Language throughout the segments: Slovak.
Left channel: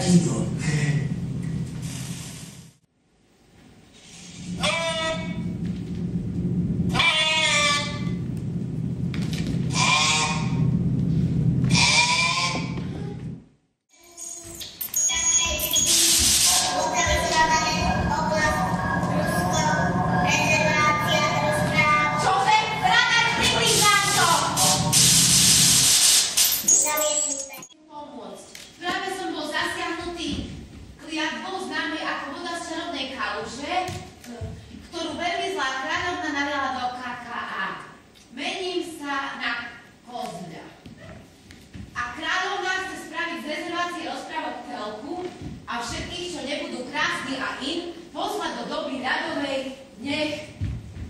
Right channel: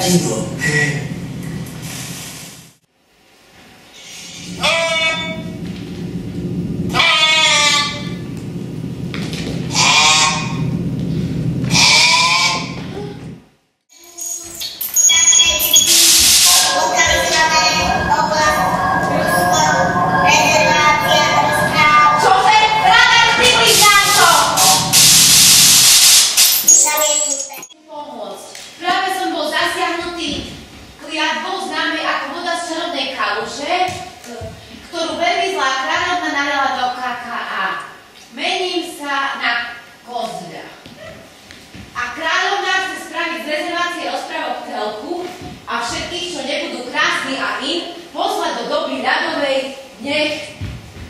divo. Kliatbou známej ako voda z čarodnej kaluže, ktorú veľmi zlá kráľovna naliala do KKA. Mením sa na Kozľa. A kráľovna chce spraviť z rezervácie rozprávok telku a všetkých, čo nebudú krásni a in, poslať do doby ľadovej, nech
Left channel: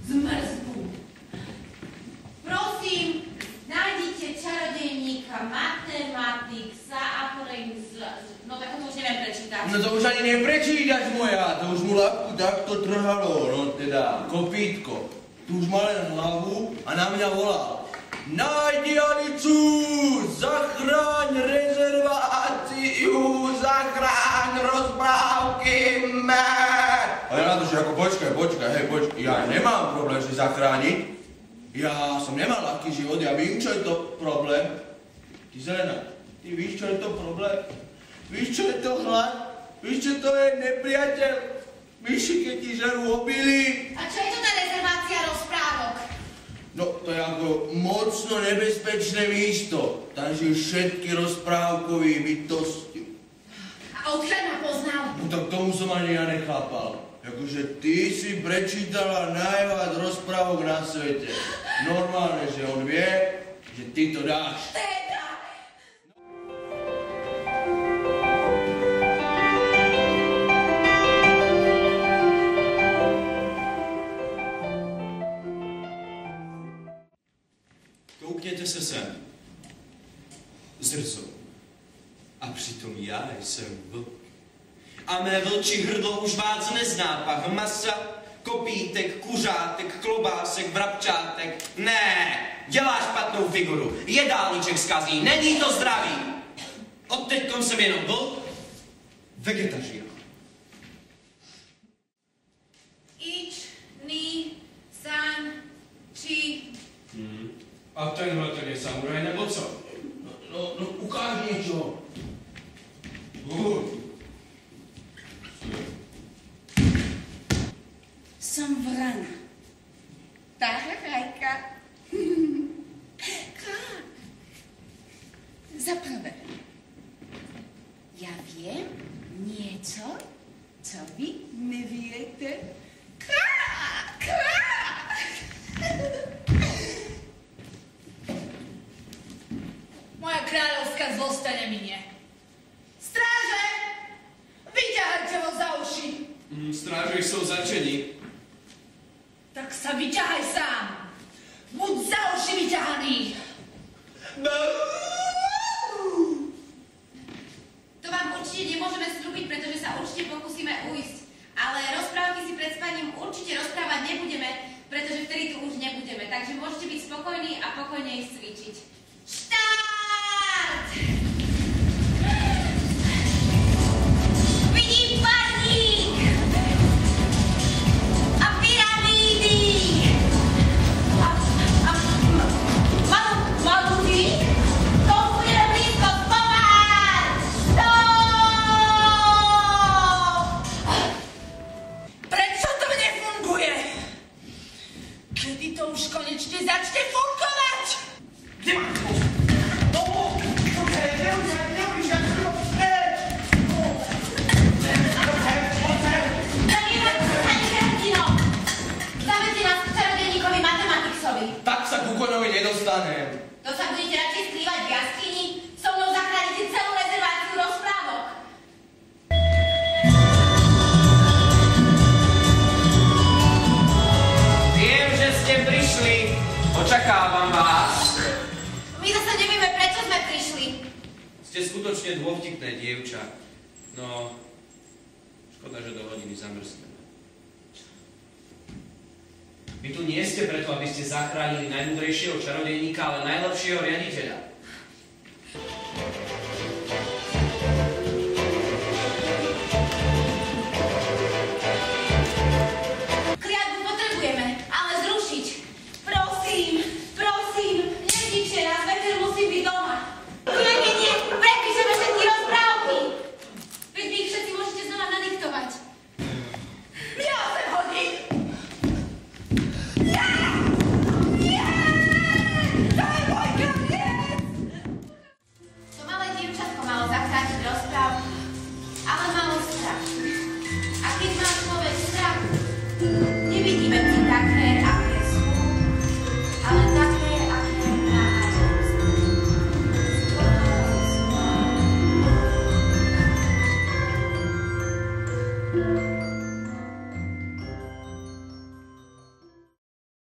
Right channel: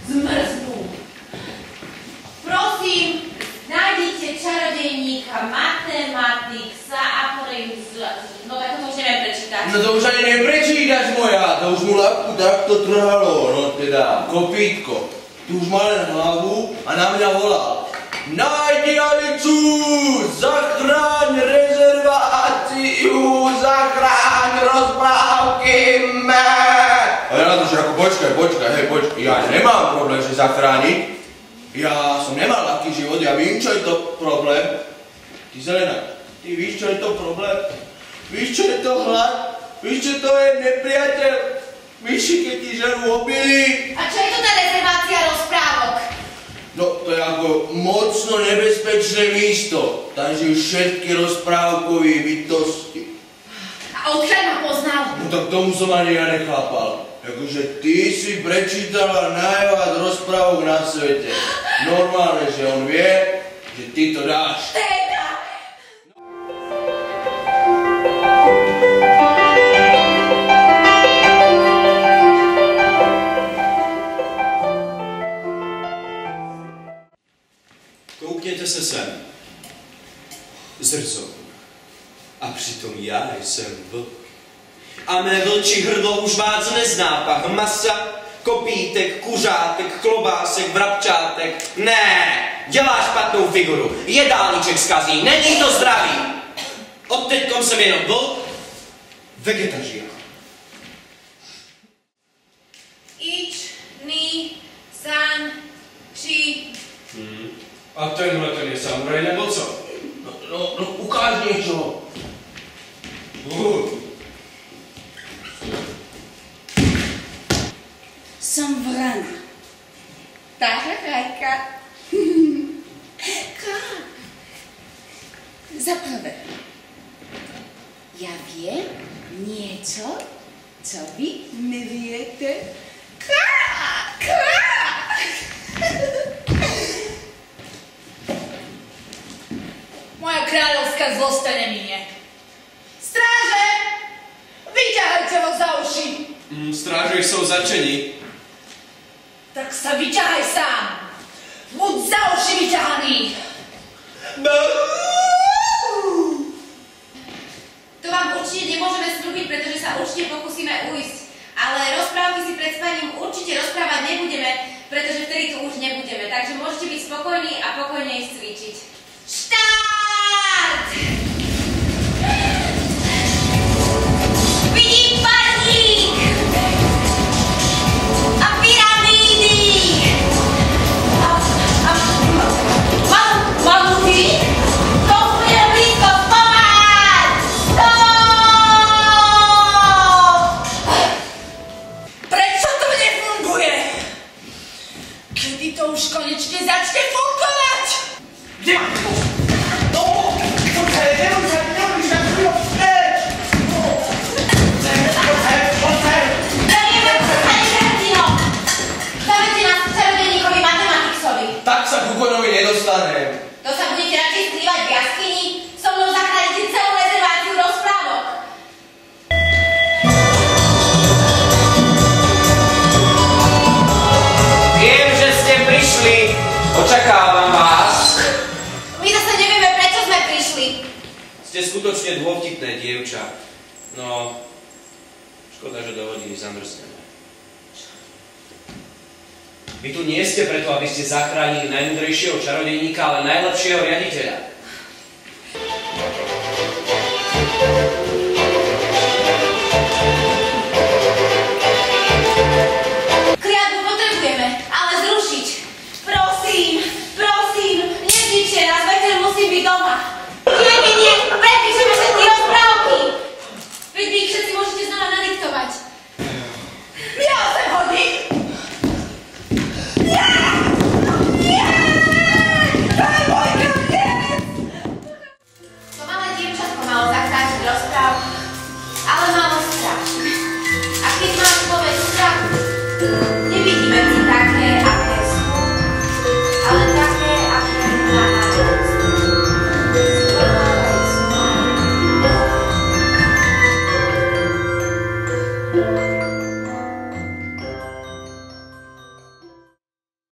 zmrznú. Prosím, nájdite čarodejníka Matematiksa a no tak to už neviem prečítať. No to už ani neprečítaš moja, to už mu labku takto trhalo, no teda, kopítko. Tu už má len hlavu a na mňa volal. Nájdi Alicu, zachráň rezerváciu, zachráň rozprávky mé. A ja na to, že ako počkaj, ja nemám problém, že zachrániť. Ja som nemal ľahký život, ja vím, čo je to problém. Ty Zelena, ty víš, čo je to problém? Víš, čo je to hlad? Víš, čo to je nepriateľ? Myši, keď ti žerú obilí. A čo je to tá rezervácia rozprávok? No, to je ako mocno nebezpečné místo. Tam žijú všetky rozprávkové bytosti. A odkiaľ ma poznal? No tak tomu som ani ja nechápal. Akože ty si prečítala najviac rozprávok na svete. Normálne, že on vie, že ty to dáš. Koukněte se sem. Zrcou. A přitom já jsem vlk. A mé vlčí hrdlo už vás nezná pach masa, kopítek, kuřátek, klobásek, vrabčátek. Ne, dělá špatnou figuru, jedálníček zkazí, není to zdravý. Odteďkom jsem jenom vlk, vegetarián. Ič, ni, san, či. A tenhle ten je samuraj nebo co? No, ukáž niečo. Som vrana. Tararajka. Za prvé, ja viem niečo, co vy neviete. Moja kráľovská zlosť ťa neminie. Stráže! Vyťahajte ho za uši! Stráže jsou začeni. Tak sa vyťahaj sám! Buď za uši vyťahaný! To vám určite nemôžeme slúbiť, pretože sa určite pokúsime ujsť. Ale rozprávky si pred spaním určite rozprávať nebudeme, pretože vtedy tu už nebudeme. Takže môžete byť spokojní a pokojne ísť cvičiť. Štart! Vidím parník! A pyramídy! A mamuty? To bude blízko, pomáhať! Stop! Prečo to nefunguje? Kedy to už konečne začne fungovať? Kde máš to? No, poďte, neuč sa chvíľu vstreť! Poďte! Zamieme sa Hrdino! Zavedzte nás k čarodejníkovi Matematiksovi. Tak sa ku koňovi nedostanem. To sa budete radšej skrývať v jaskyni? So mnou zachránite celú rezerváciu rozprávok. Viem, že ste prišli. Očakávam vás. My zase nevieme, prečo sme prišli. Ste skutočne dôvtipné dievča. No, škoda, že do hodiny zamrzneme. Vy tu nie ste preto, aby ste zachránili najmudrejšieho čarodejníka, ale najlepšieho riaditeľa.